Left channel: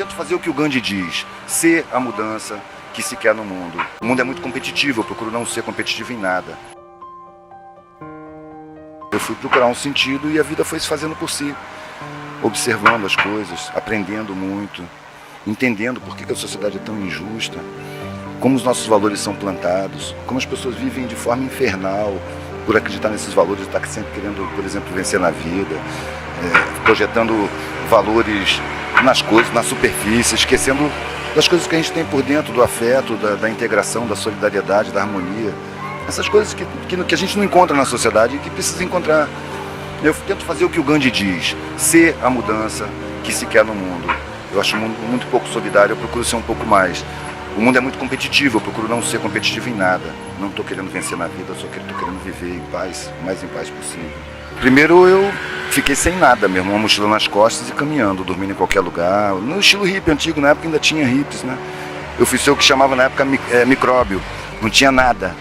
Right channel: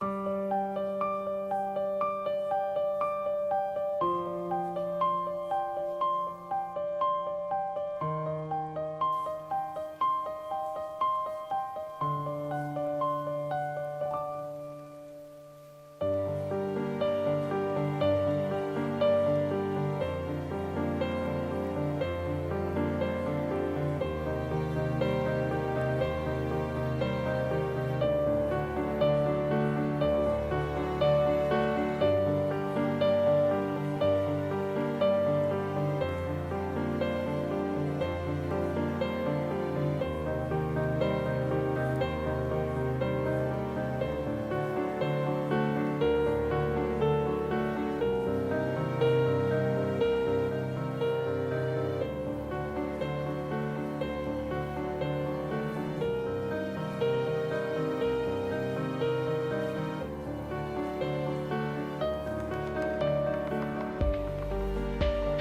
tento fazer o que o Gandhi diz, ser a mudança que se quer no mundo. O mundo é muito competitivo, eu procuro não ser competitivo em nada. Eu fui procurar um sentido e a vida foi se fazendo por si, observando as coisas, aprendendo muito, entendendo por que a sociedade é tão injusta, como os nossos valores são plantados, como as pessoas vivem de forma infernal por acreditar nesses valores, estar sempre querendo, por exemplo, vencer na vida, projetando valores nas coisas, na superfície, esquecendo das coisas que a gente tem por dentro, do afeto, da integração, da solidariedade, da harmonia. Essas coisas que a gente não encontra na sociedade e que precisa encontrar. Eu tento fazer o que o Gandhi diz, ser a mudança que se quer no mundo. Eu acho o mundo muito pouco solidário, eu procuro ser um pouco mais. O mundo é muito competitivo, eu procuro não ser competitivo em nada. Não estou querendo vencer na vida, eu só estou querendo viver em paz, o mais em paz possível. Primeiro eu fiquei sem nada mesmo, uma mochila nas costas e caminhando, dormindo em qualquer lugar. No estilo hippie antigo, na época ainda tinha hippies, né? Eu fiz o que chamava na época micróbio. Não tinha nada.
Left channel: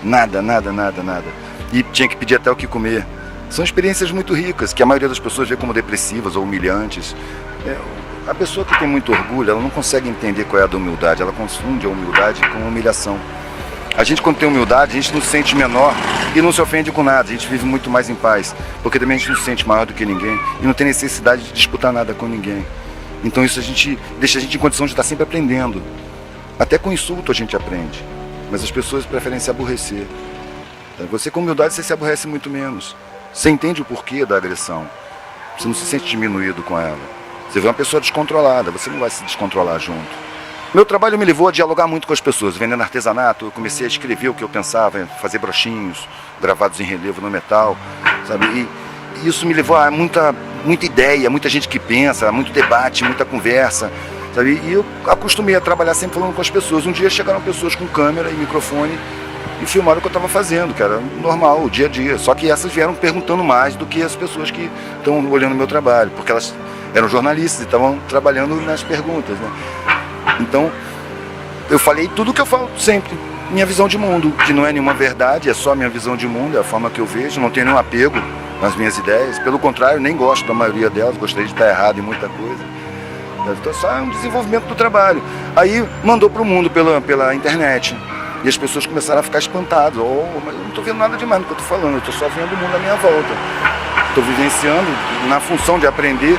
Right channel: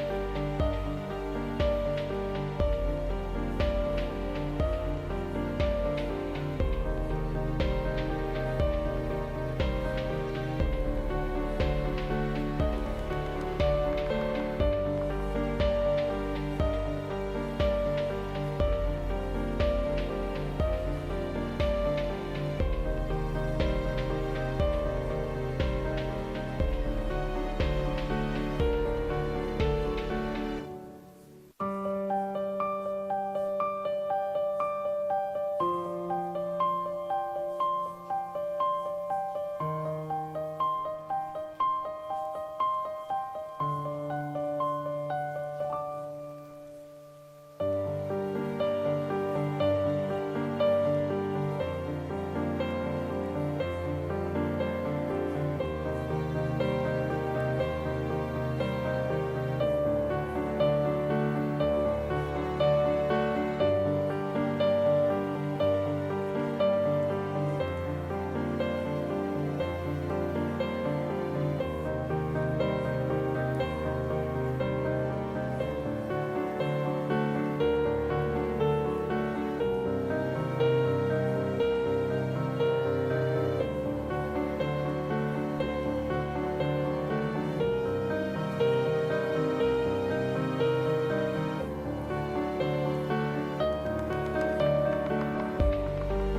E tinha que pedir até o que comer. São experiências muito ricas, que a maioria das pessoas vê como depressivas ou humilhantes. A pessoa que tem muito orgulho, ela não consegue entender qual é a da humildade, ela confunde a humildade com a humilhação. A gente, quando tem humildade, a gente não se sente menor e não se ofende com nada, a gente vive muito mais em paz, porque também a gente não se sente maior do que ninguém e não tem necessidade de disputar nada com ninguém. Então isso deixa a gente em condição de estar sempre aprendendo. Até com insulto a gente aprende, mas as pessoas preferem se aborrecer. Você com humildade, você se aborrece muito menos. Você entende o porquê da agressão, você não se sente diminuído com ela. Você vê uma pessoa descontrolada, você não vai se descontrolar junto. Meu trabalho me levou a dialogar muito com as pessoas, vendendo artesanato. Eu comecei a escrever o que eu pensava, fazer brochinhos gravados em relevo no metal, sabe? E isso me levou a muita ideia, muita gente que pensa, muito debate, muita conversa, sabe? E eu acostumei a trabalhar sempre falando com as pessoas. Um dia chegaram pessoas com câmera e microfone e filmaram o que eu estava fazendo, que era normal, o dia a dia. Só que essas vieram perguntando mais do que as pessoas que estão olhando o meu trabalho, porque elas eram jornalistas e estavam trabalhando nas perguntas, né? Então, eu falei tudo o que eu falo sempre, minha visão de mundo, que não é nenhuma verdade, é só minha visão de mundo, é a forma que eu vejo, não tenho nenhum apego nas minhas ideias, pelo contrário, nem gosto da maioria delas, gostaria de estar errado em muita coisa. Então, só é um desenvolvimento do trabalho. Aí, mandou para o mundo pela internet, e as pessoas começaram a ficar espantadas, mas eu não estou vendo nada demais no que eu estou falando, eu estou só vendo o mundo à minha volta. Estou vivenciando na função de aprender,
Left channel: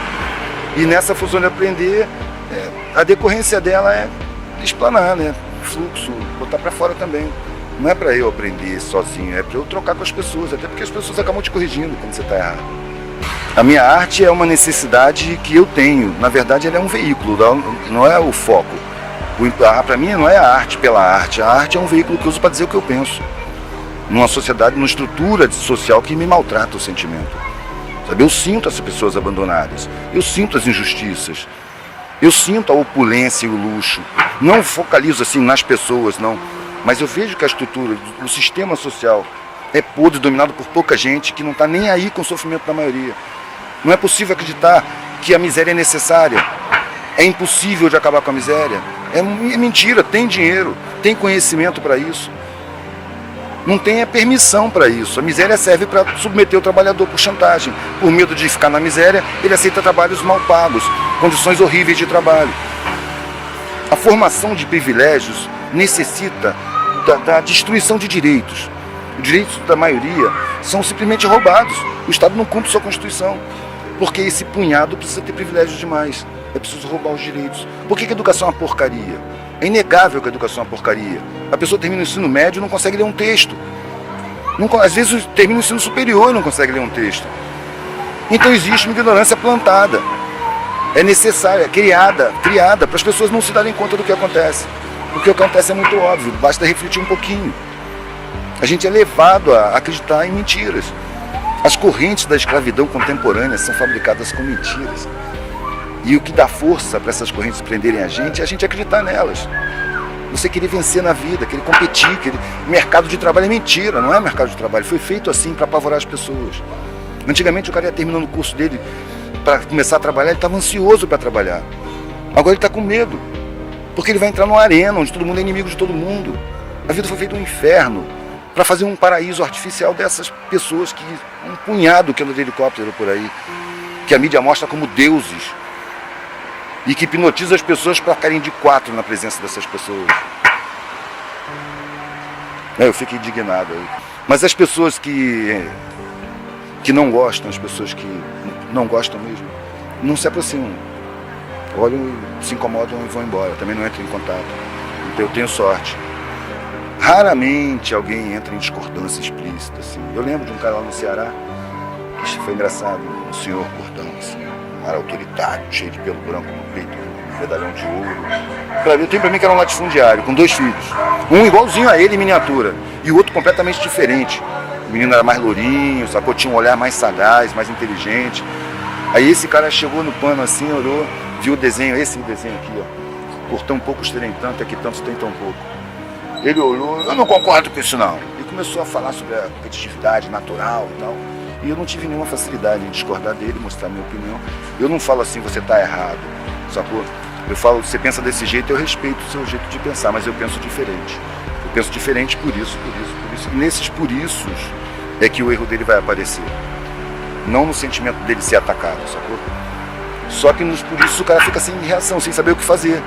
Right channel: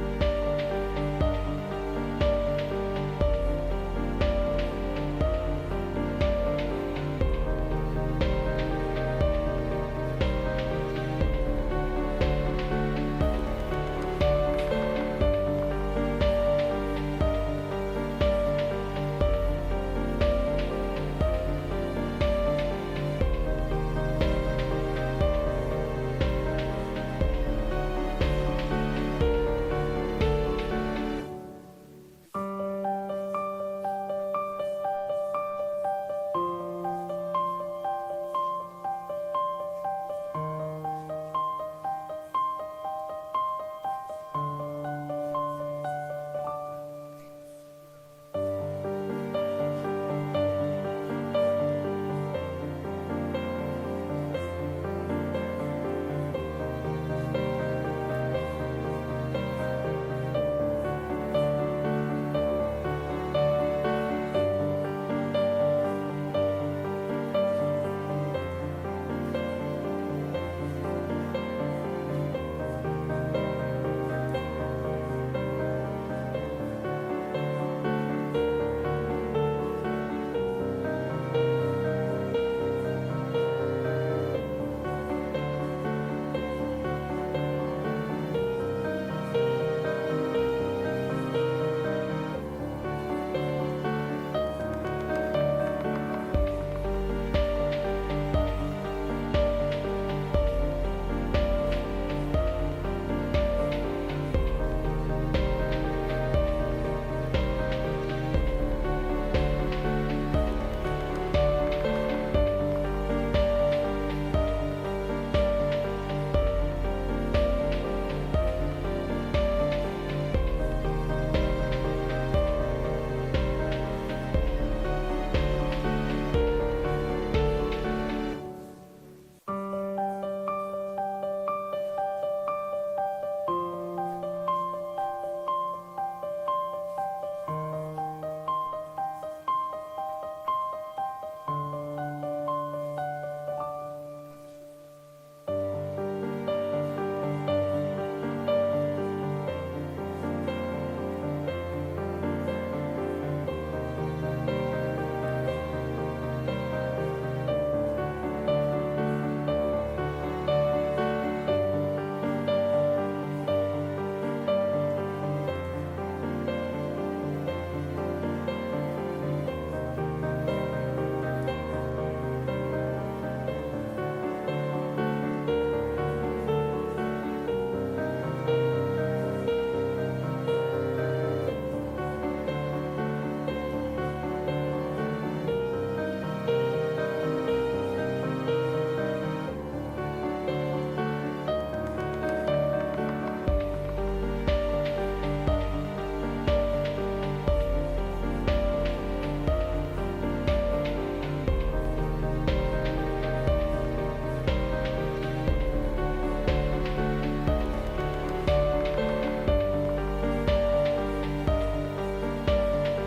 e nessa função de aprender, a decorrência dela é explanar, né? Fluxo, botar para fora também. Não é para eu aprender sozinho, é para eu trocar com as pessoas, até porque as pessoas acabam te corrigindo quando você está errado. A minha arte é uma necessidade que eu tenho. Na verdade, ela é um veículo, não é o foco. Para mim, não é a arte pela arte. A arte é um veículo que eu uso para dizer o que eu penso. Numa sociedade, numa estrutura social que me maltrata o sentimento. Sabe? Eu sinto as pessoas abandonadas. Eu sinto as injustiças. Eu sinto a opulência e o luxo. Não focalizo assim nas pessoas, não. Mas eu vejo que a estrutura, o sistema social é podre, dominado por pouca gente que não está nem aí com o sofrimento da maioria. Não é possível acreditar que a miséria é necessária. É impossível de acabar com a miséria. É mentira, tem dinheiro, tem conhecimento para isso. Não tem permissão para isso. A miséria serve para submeter o trabalhador por chantagem. Por medo de ficar na miséria, ele aceita trabalhos mal pagos, condições horríveis de trabalho. A formação de privilégios necessita da destruição de direitos. Os direitos da maioria são simplesmente roubados. O Estado não cumpre sua Constituição. Porque esse punhado precisa ter privilégios demais. É preciso roubar os direitos. Por que a educação é uma porcaria? É inegável que a educação é uma porcaria. A pessoa termina o ensino médio e não consegue ler um texto. Às vezes termina o ensino superior e não consegue ler um texto. Então existe uma ignorância plantada. É necessária, é criada para as pessoas não se darem conta do que acontece. Porque o que acontece é muito óbvio, basta refletir um pouquinho. A gente é levado a acreditar em mentiras. As correntes da escravidão contemporânea são fabricadas com mentiras. E o que dá força para essas correntes prenderem a gente é a gente acreditar nelas. Você querer vencer na vida, querer competir, mercado de trabalho é mentira, não é mercado de trabalho. Foi feito assim para apavorar as pessoas. Antigamente o cara ia terminando o curso dele para começar a trabalhar, ele estava ansioso para trabalhar. Agora ele está com medo, porque ele vai entrar numa arena onde todo mundo é inimigo de todo mundo. A vida foi feita um inferno para fazer um paraíso artificial dessas pessoas que um punhado que anda de helicóptero por aí, que a mídia mostra como deuses. e que hipnotiza as pessoas para ficarem de quatro na presença dessas pessoas. Eu fico indignado aí. Mas as pessoas que não gostam, as pessoas que não gostam mesmo, não se aproximam. Olham, se incomodam e vão embora. Também não entram em contato. Então eu tenho sorte. Raramente alguém entra em discordância explícita, assim. Eu lembro de um cara lá no Ceará, que foi engraçado, um senhor gordão, assim, um cara autoritário, cheio de pelo branco no peito, um medalhão de ouro. Eu tenho pra mim que era um latifundiário, com 2 filhos. Um igualzinho a ele em miniatura, e o outro completamente diferente. O menino era mais lourinho, sacou? Tinha um olhar mais sagaz, mais inteligente. Aí esse cara chegou no pano assim, olhou, viu o desenho, esse desenho aqui, ó. Por tão poucos terem tanto, aqui tantos tem tão pouco. Ele olhou, eu não concordo com isso não. Ele começou a falar sobre a competitividade natural e tal. E eu não tive nenhuma facilidade em discordar dele, mostrar minha opinião. Eu não falo assim, você está errado, sacou? Eu falo, você pensa desse jeito, eu respeito o seu jeito de pensar, mas eu penso diferente. Eu penso diferente por isso. E nesses por isso é que o erro dele vai aparecer. Não no sentimento dele ser atacado, sacou? Só que nos por isso o cara fica sem reação, sem saber o que fazer.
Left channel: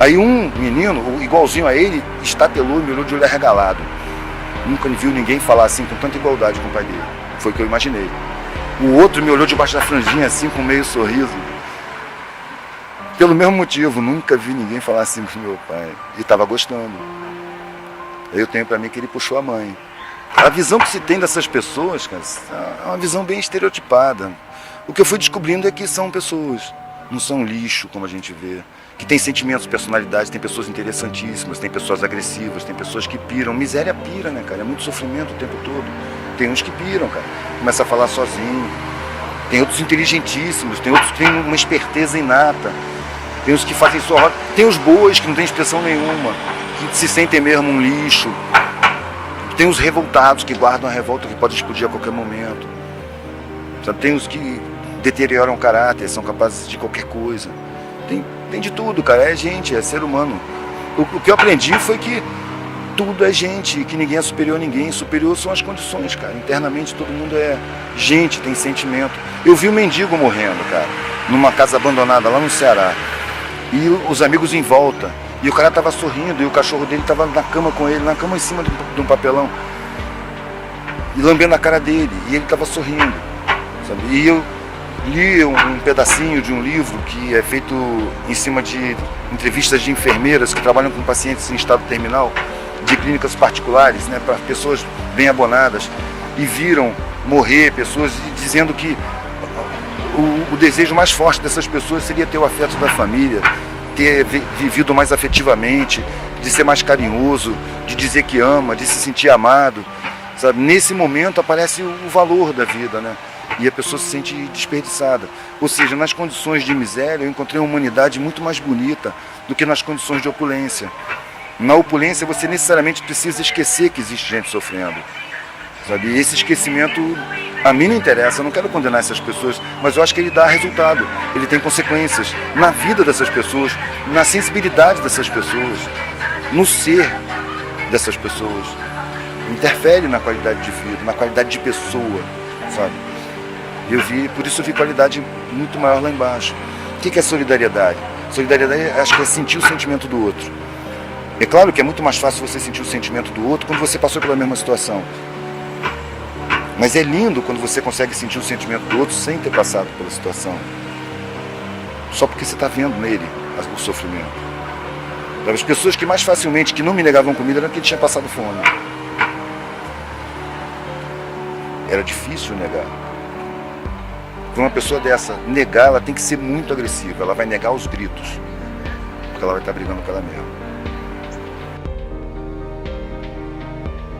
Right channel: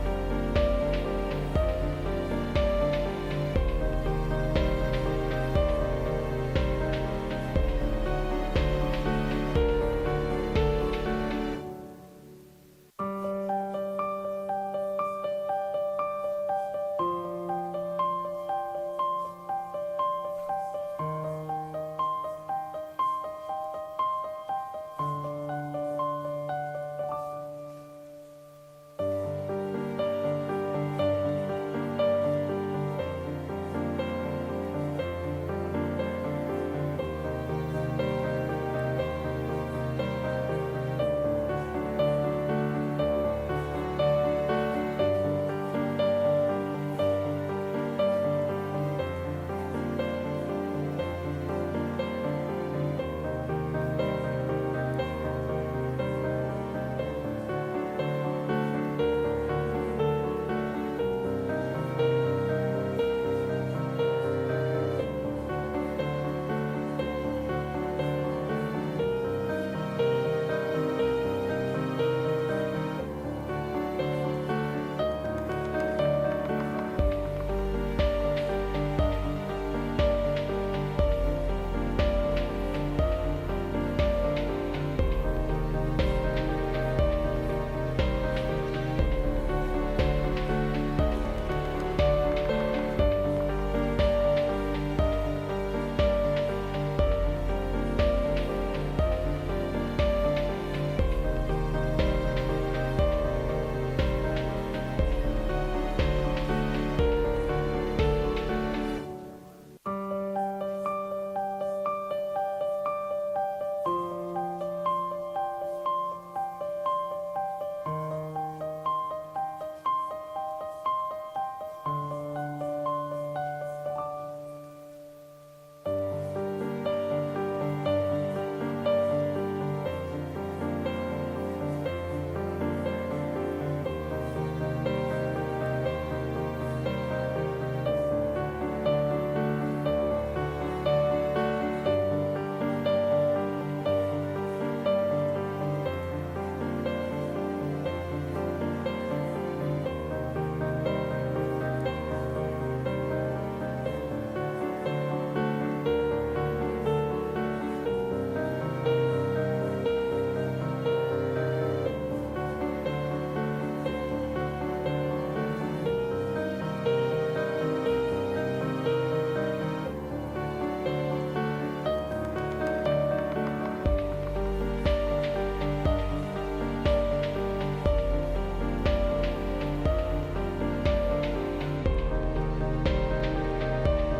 Aí um menino, igualzinho a ele, estatelou e me olhou de olho arregalado. Nunca viu ninguém falar assim com tanta igualdade com o pai dele. Foi o que eu imaginei. O outro me olhou debaixo da franjinha assim, com meio sorriso. Pelo mesmo motivo, nunca vi ninguém falar assim com meu pai. E estava gostando. Aí eu tenho pra mim que ele puxou a mãe. A visão que se tem dessas pessoas, cara, é uma visão bem estereotipada. O que eu fui descobrindo é que são pessoas, não são lixo, como a gente vê. Que tem sentimentos, personalidades, tem pessoas interessantíssimas, tem pessoas agressivas, tem pessoas que piram. Miséria pira, né, cara? É muito sofrimento o tempo todo. Tem uns que piram, cara. Começa a falar sozinho. Tem outros inteligentíssimos, tem outros que têm uma esperteza inata. Tem os que fazem só roda. Tem os boas que não têm expressão nenhuma, que se sentem mesmo um lixo. Tem os revoltados que guardam a revolta que pode explodir a qualquer momento. Sabe? Tem os que deterioram o caráter, são capazes de qualquer coisa. Tem de tudo, cara. É gente, é ser humano. O que eu aprendi foi que tudo é gente, que ninguém é superior a ninguém. Superior são as condições, cara. Internamente todo mundo é gente, tem sentimento. Eu vi um mendigo morrendo, cara, numa casa abandonada lá no Ceará. E os amigos em volta. E o cara tava sorrindo, e o cachorro dele tava na cama com ele, na cama em cima de um papelão. E lambendo a cara dele, e ele tava sorrindo, sabe? E eu li um pedacinho de um livro que é feito em cima de entrevistas de enfermeiras que trabalham com pacientes em estado terminal, de clínicas particulares, né, para pessoas bem abonadas, e viram morrer pessoas dizendo que o desejo mais forte dessas pessoas seria ter o afeto da família, ter vivido mais afetivamente, de ser mais carinhoso, de dizer que ama, de se sentir amado, sabe? Nesse momento aparece o valor da vida, né? E a pessoa se sente desperdiçada. Ou seja, nas condições de miséria eu encontrei uma humanidade muito mais bonita do que nas condições de opulência. Na opulência você necessariamente precisa esquecer que existe gente sofrendo, sabe? E esse esquecimento a mim não interessa, eu não quero condenar essas pessoas, mas eu acho que ele dá resultado, ele tem consequências na vida dessas pessoas, na sensibilidade dessas pessoas, no ser dessas pessoas. Interfere na qualidade de vida, na qualidade de pessoa, sabe? Por isso eu vi qualidade muito maior lá embaixo. O que é solidariedade? Solidariedade, acho que é sentir o sentimento do outro. É claro que é muito mais fácil você sentir o sentimento do outro quando você passou pela mesma situação. Mas é lindo quando você consegue sentir o sentimento do outro sem ter passado pela situação. Só porque você está vendo nele o sofrimento. As pessoas que mais facilmente, que não me negavam comida, eram porque tinham passado fome. Era difícil negar. Para uma pessoa dessa negar, ela tem que ser muito agressiva. Ela vai negar os gritos, porque ela vai estar brigando com ela mesma.